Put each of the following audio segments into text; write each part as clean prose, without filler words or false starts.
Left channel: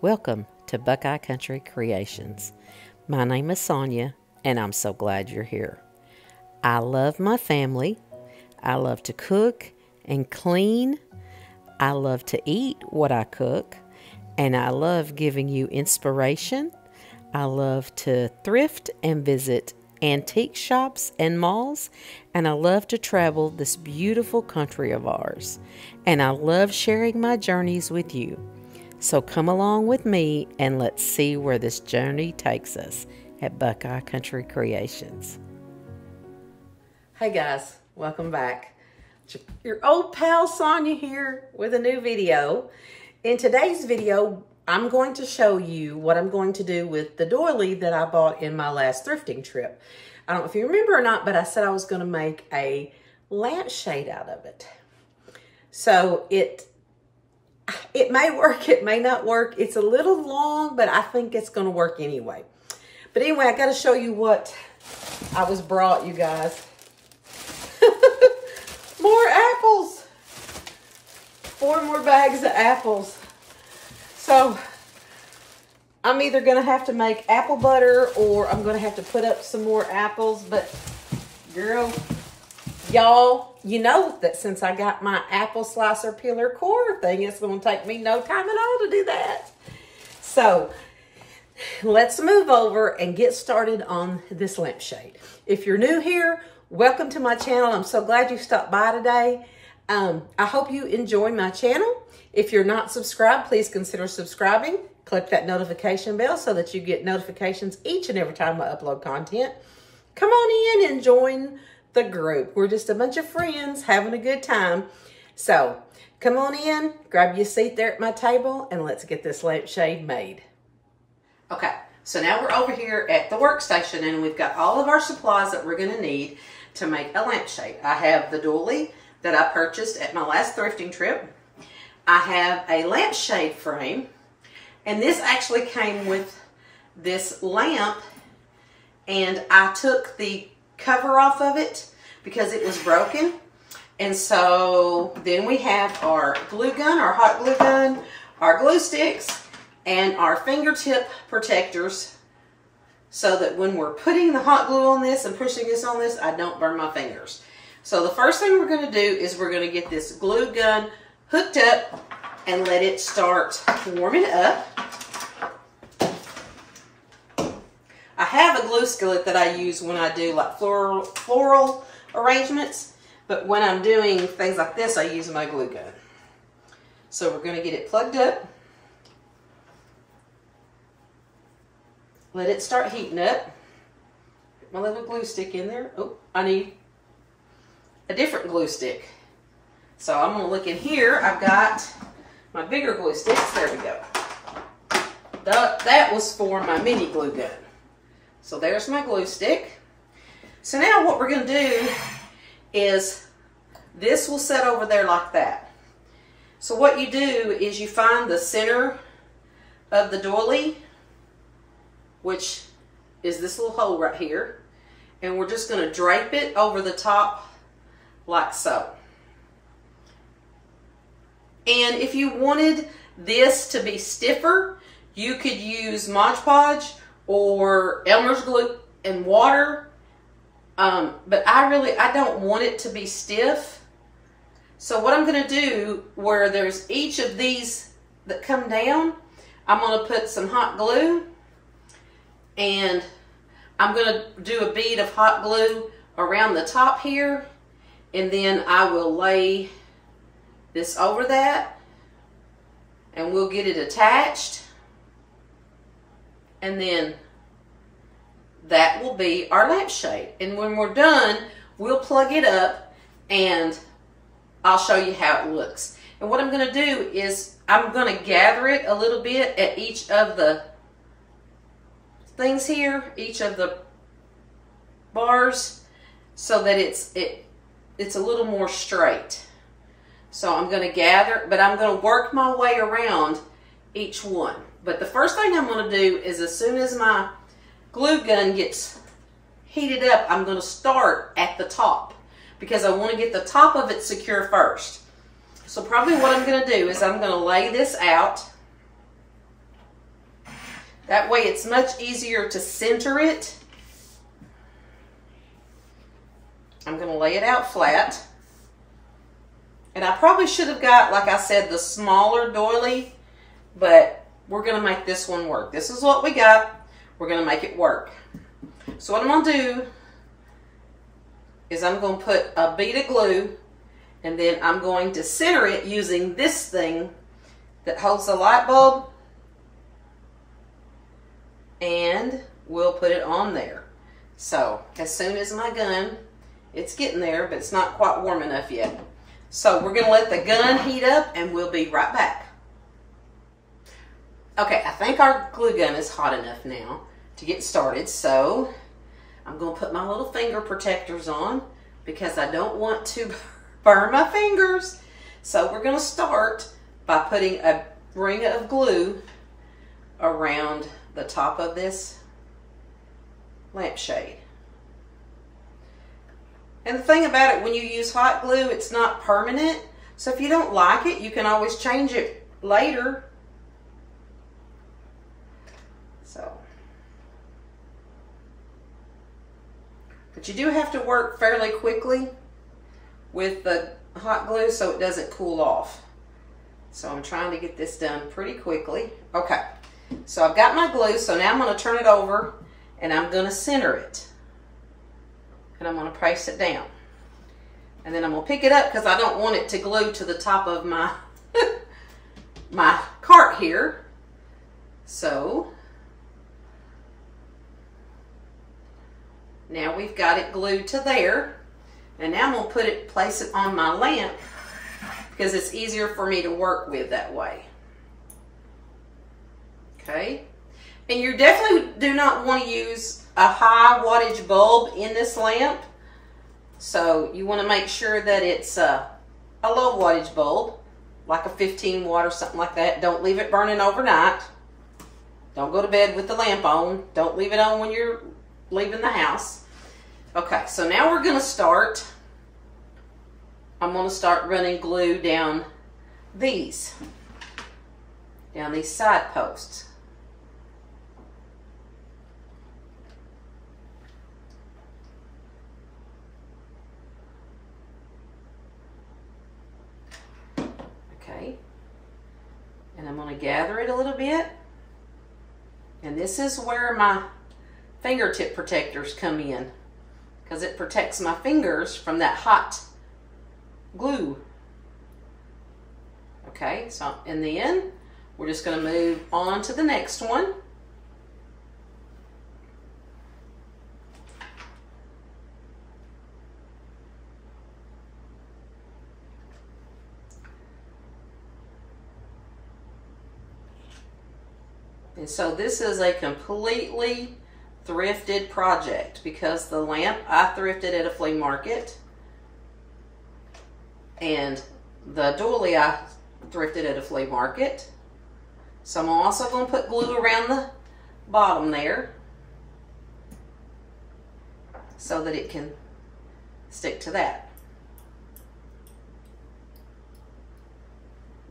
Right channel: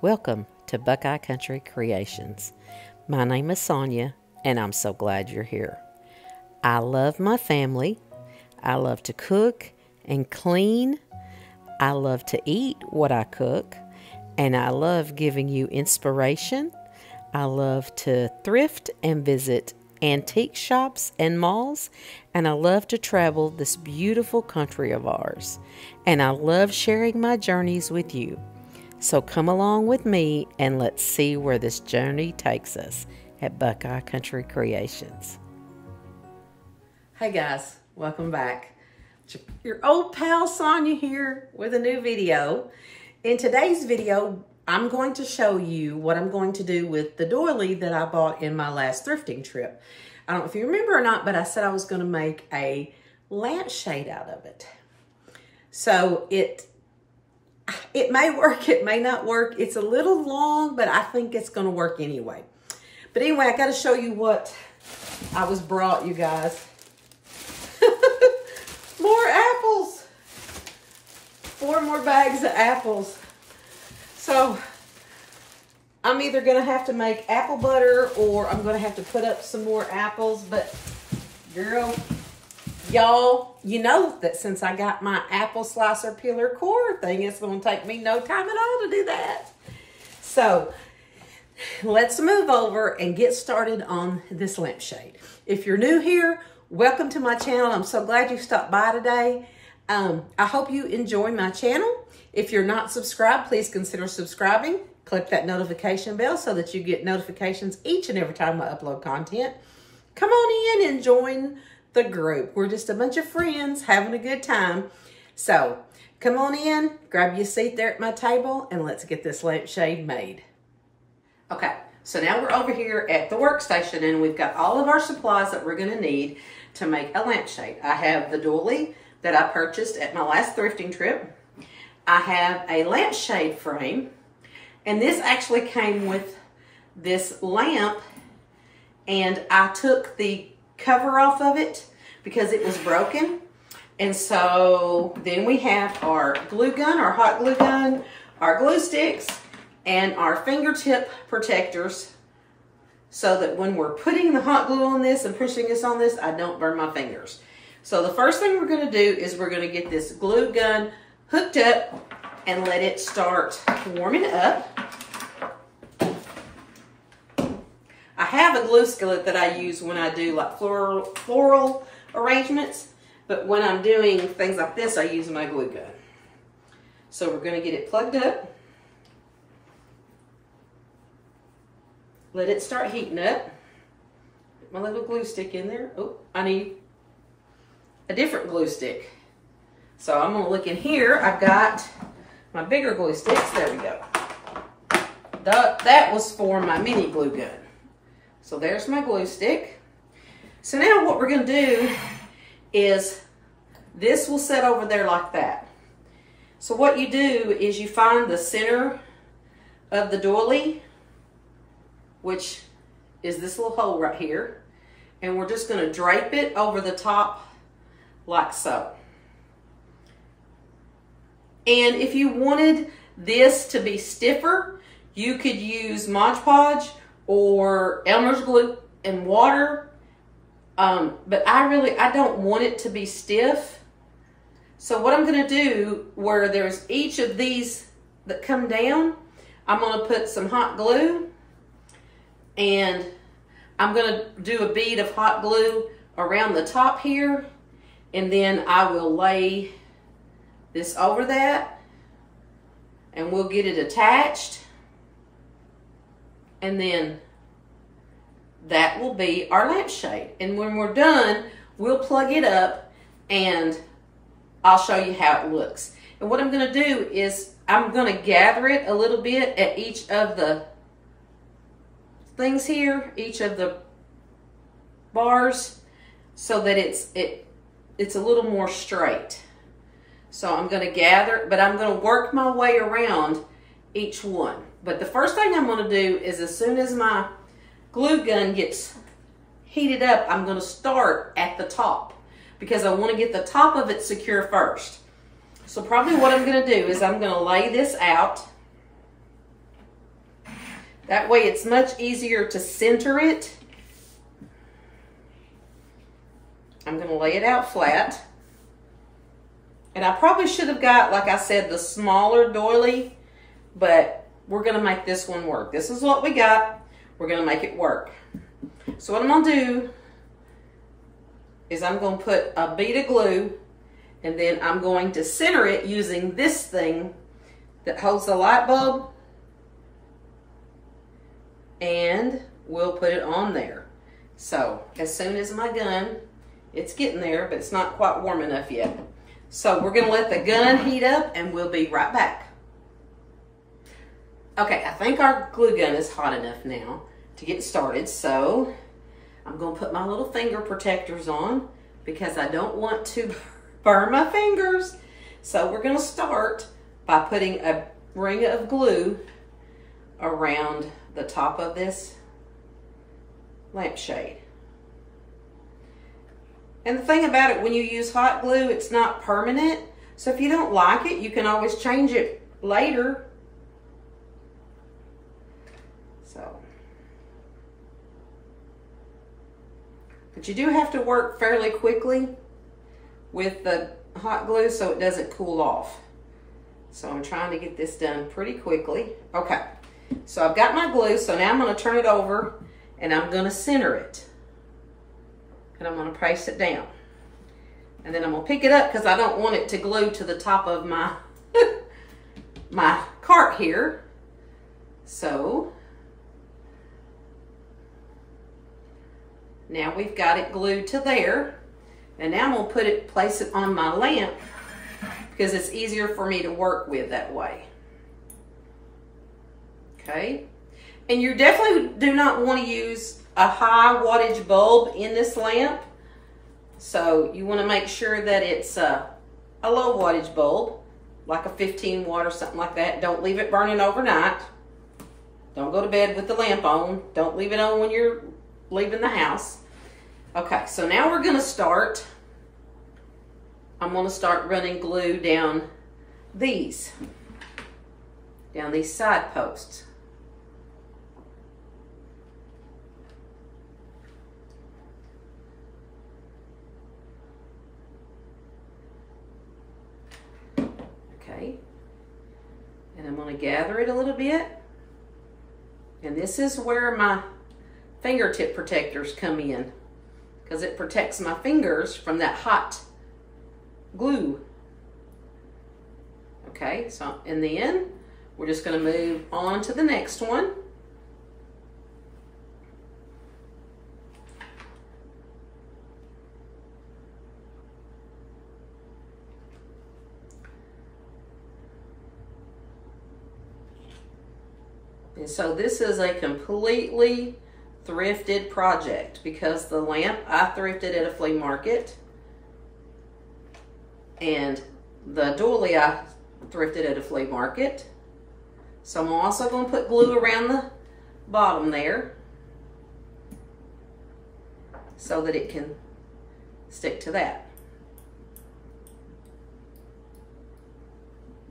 Welcome to Buckeye Country Creations. My name is Sonia, and I'm so glad you're here. I love my family. I love to cook and clean. I love to eat what I cook, and I love giving you inspiration. I love to thrift and visit antique shops and malls, and I love to travel this beautiful country of ours, and I love sharing my journeys with you. So come along with me and let's see where this journey takes us at Buckeye Country Creations. Hey guys, welcome back. Your old pal Sonia here with a new video. In today's video, I'm going to show you what I'm going to do with the doily that I bought in my last thrifting trip. I don't know if you remember or not, but I said I was going to make a lampshade out of it. So it may work, it may not work. It's a little long, but I think it's going to work anyway. But anyway, I got to show you what I was brought, you guys. More apples. 4 more bags of apples. So I'm either going to have to make apple butter or I'm going to have to put up some more apples. But girl, y'all, you know that since I got my apple slicer peeler core thing, it's going to take me no time at all to do that. So let's move over and get started on this lampshade. If you're new here, welcome to my channel. I'm so glad you stopped by today. I hope you enjoy my channel. If you're not subscribed, please consider subscribing. Click that notification bell so that you get notifications each and every time I upload content. Come on in and join the group. We're just a bunch of friends having a good time. So come on in, grab your seat there at my table, and let's get this lampshade made. Okay, so now we're over here at the workstation, and we've got all of our supplies that we're going to need to make a lampshade. I have the doily that I purchased at my last thrifting trip. I have a lampshade frame, and this actually came with this lamp, and I took the cover off of it because it was broken. And so then we have our glue gun, our hot glue gun, our glue sticks, and our fingertip protectors so that when we're putting the hot glue on this and pushing this on this, I don't burn my fingers. So the first thing we're going to do is we're going to get this glue gun hooked up and let it start warming up. I have a glue skillet that I use when I do like floral arrangements, but when I'm doing things like this, I use my glue gun. So we're going to get it plugged up. Let it start heating up. Put my little glue stick in there. Oh, I need a different glue stick. So I'm going to look in here. I've got my bigger glue sticks. There we go. That was for my mini glue gun. So there's my glue stick. So now what we're going to do is this will set over there like that. So what you do is you find the center of the doily, which is this little hole right here, and we're just going to drape it over the top like so. And if you wanted this to be stiffer, you could use Mod Podge or Elmer's glue and water. But I don't want it to be stiff. So what I'm going to do, where there's each of these that come down, I'm going to put some hot glue, and I'm going to do a bead of hot glue around the top here, and then I will lay this over that, and we'll get it attached. And then that will be our lampshade. And when we're done, we'll plug it up and I'll show you how it looks. And what I'm going to do is I'm going to gather it a little bit at each of the things here, each of the bars, so that it's a little more straight. So I'm going to gather, but I'm going to work my way around each one. But the first thing I'm going to do is, as soon as my glue gun gets heated up, I'm going to start at the top because I want to get the top of it secure first. So probably what I'm going to do is I'm going to lay this out That way it's much easier to center it. I'm going to lay it out flat. And I probably should have got, like I said, the smaller doily, but we're going to make this one work. This is what we got. We're going to make it work. So what I'm going to do is I'm going to put a bead of glue, and then I'm going to center it using this thing that holds the light bulb, and we'll put it on there. So as soon as my gun, it's getting there, but it's not quite warm enough yet. So we're gonna let the gun heat up and we'll be right back. Okay, I think our glue gun is hot enough now to get started. So I'm gonna put my little finger protectors on because I don't want to burn my fingers. So we're gonna start by putting a ring of glue around the top of this lampshade. And the thing about it, when you use hot glue, it's not permanent. So if you don't like it, you can always change it later. So, but you do have to work fairly quickly with the hot glue so it doesn't cool off. So I'm trying to get this done pretty quickly. Okay, so I've got my glue, so now I'm going to turn it over and I'm going to center it. And I'm going to place it down. And then I'm going to pick it up because I don't want it to glue to the top of my, my cart here. So now we've got it glued to there. And now I'm going to place it on my lamp because it's easier for me to work with that way. Okay. And you definitely do not want to use a high wattage bulb in this lamp. So you want to make sure that it's a low wattage bulb, like a 15 watt or something like that. Don't leave it burning overnight. Don't go to bed with the lamp on. Don't leave it on when you're leaving the house. Okay, so now we're going to start. I'm going to start running glue down these side posts. And I'm going to gather it a little bit. And this is where my fingertip protectors come in, because it protects my fingers from that hot glue. Okay, so and then we're just going to move on to the next one. And so this is a completely thrifted project because the lamp I thrifted at a flea market and the doily I thrifted at a flea market. So I'm also going to put glue around the bottom there so that it can stick to that.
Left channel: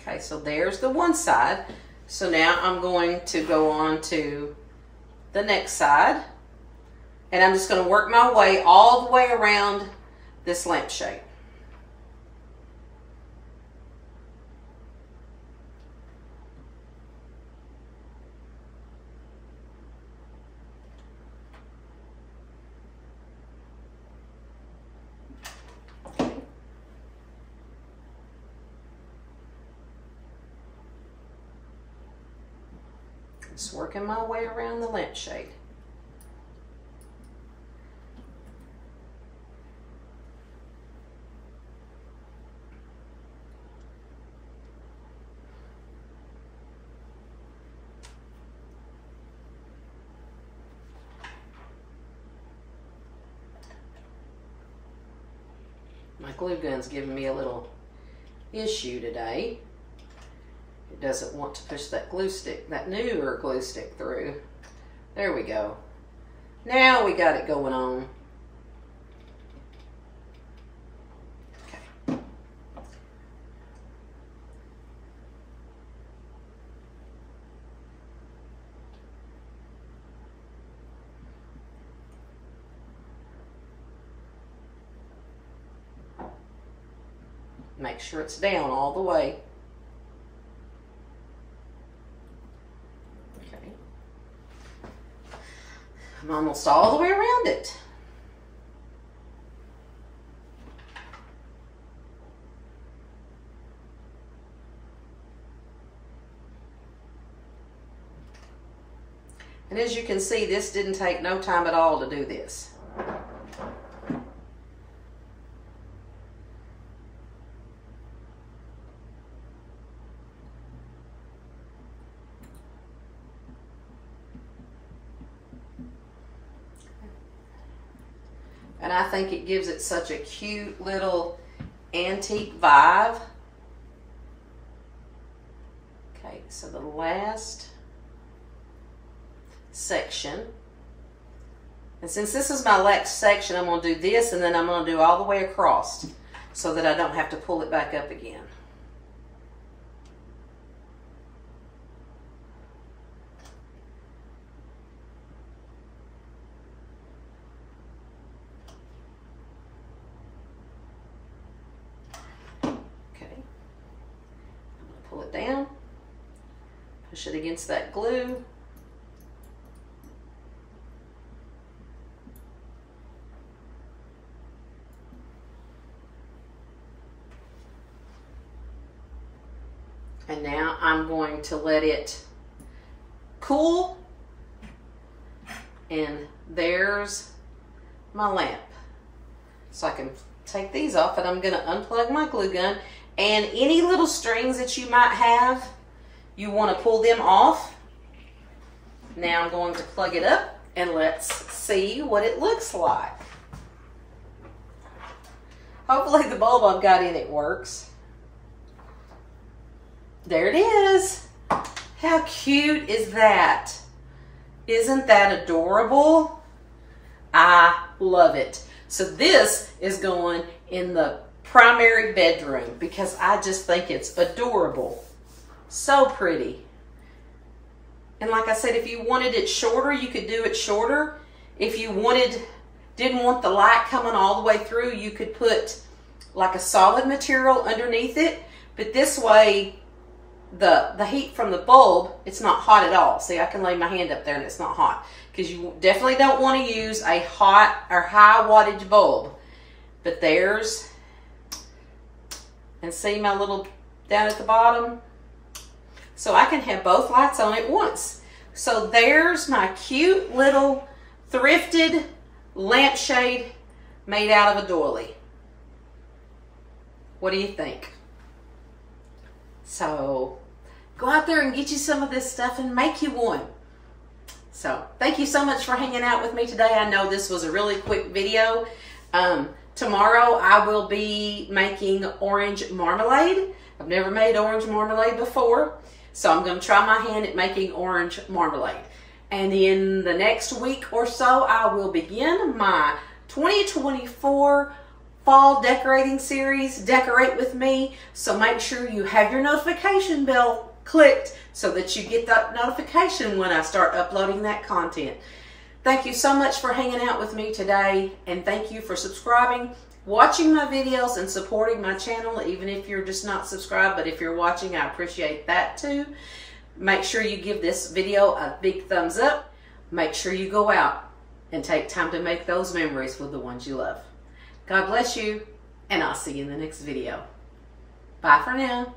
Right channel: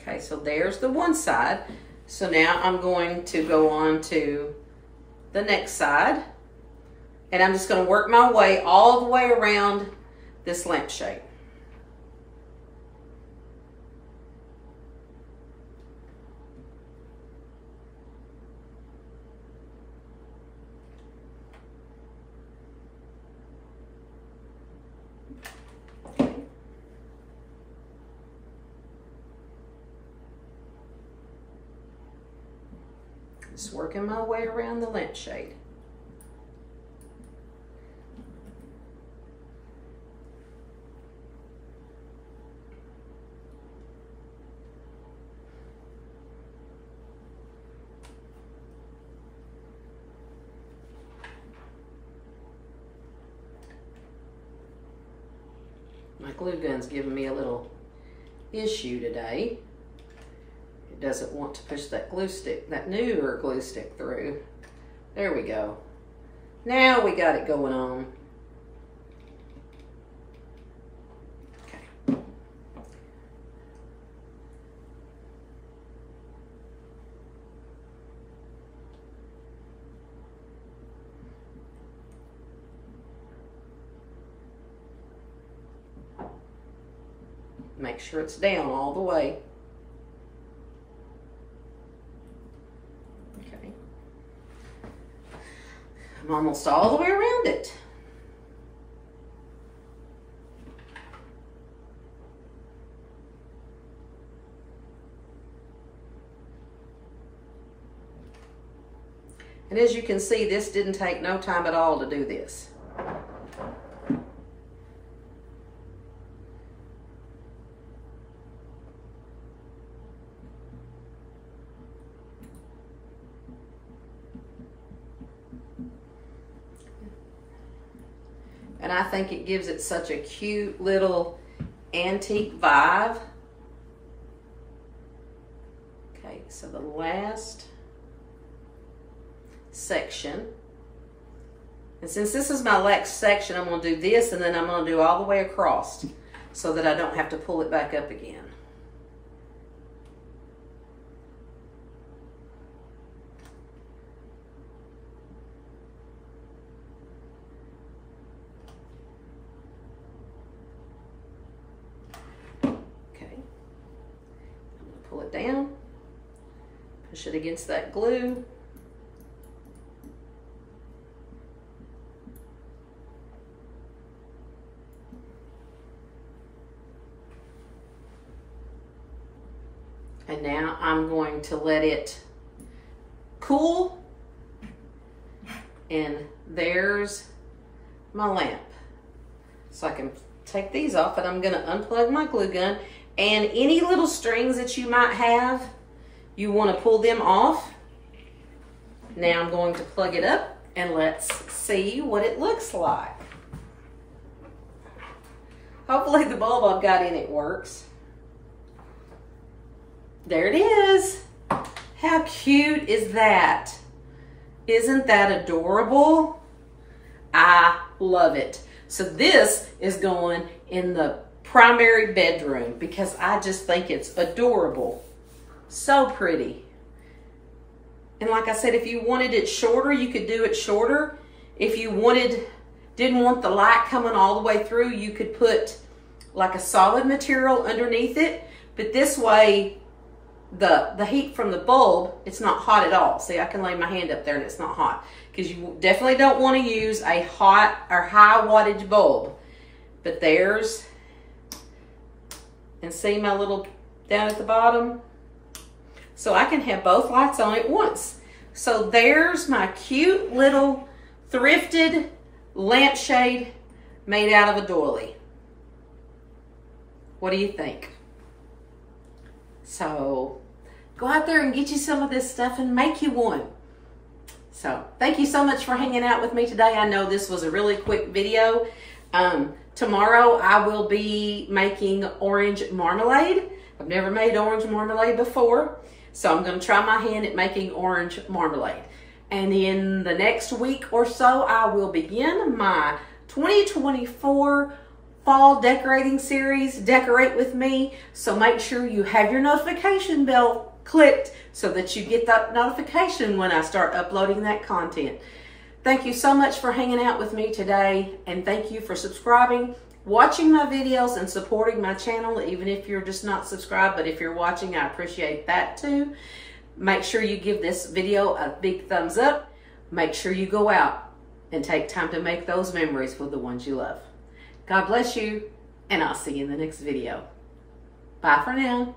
Okay, so there's the one side. So now I'm going to go on to the next side, and I'm just going to work my way all the way around this lampshade. Just working my way around the lampshade. My glue gun's giving me a little issue today. It doesn't want to push that glue stick, that newer glue stick through. There we go. Now we got it going on. Okay. Make sure it's down all the way. Okay. I'm almost all the way around it. And as you can see, this didn't take no time at all to do this. And I think it gives it such a cute little antique vibe. Okay, so the last section. And since this is my last section, I'm going to do this and then I'm going to do all the way across so that I don't have to pull it back up again. Pull it down, push it against that glue. And now I'm going to let it cool. And there's my lamp. So I can take these off and I'm gonna unplug my glue gun. And any little strings that you might have, you want to pull them off. Now I'm going to plug it up and let's see what it looks like. Hopefully the bulb I've got in it works. There it is. How cute is that? Isn't that adorable? I love it. So this is going in the primary bedroom because I just think it's adorable. So pretty. And like I said, if you wanted it shorter, you could do it shorter. If you didn't want the light coming all the way through, you could put like a solid material underneath it. But this way, the heat from the bulb, it's not hot at all. See, I can lay my hand up there and it's not hot. Because you definitely don't want to use a hot or high wattage bulb. But there's, and see my little down at the bottom? So I can have both lights on at once. So there's my cute little thrifted lampshade made out of a doily. What do you think? So go out there and get you some of this stuff and make you one. So thank you so much for hanging out with me today. I know this was a really quick video. Tomorrow I will be making orange marmalade. I've never made orange marmalade before, so I'm going to try my hand at making orange marmalade. And in the next week or so, I will begin my 2024 fall decorating series, Decorate With Me. So make sure you have your notification bell clicked so that you get that notification when I start uploading that content. Thank you so much for hanging out with me today, and thank you for subscribing, watching my videos, and supporting my channel, even if you're just not subscribed. But if you're watching, I appreciate that too. Make sure you give this video a big thumbs up. Make sure you go out and take time to make those memories with the ones you love. God bless you, and I'll see you in the next video. Bye for now.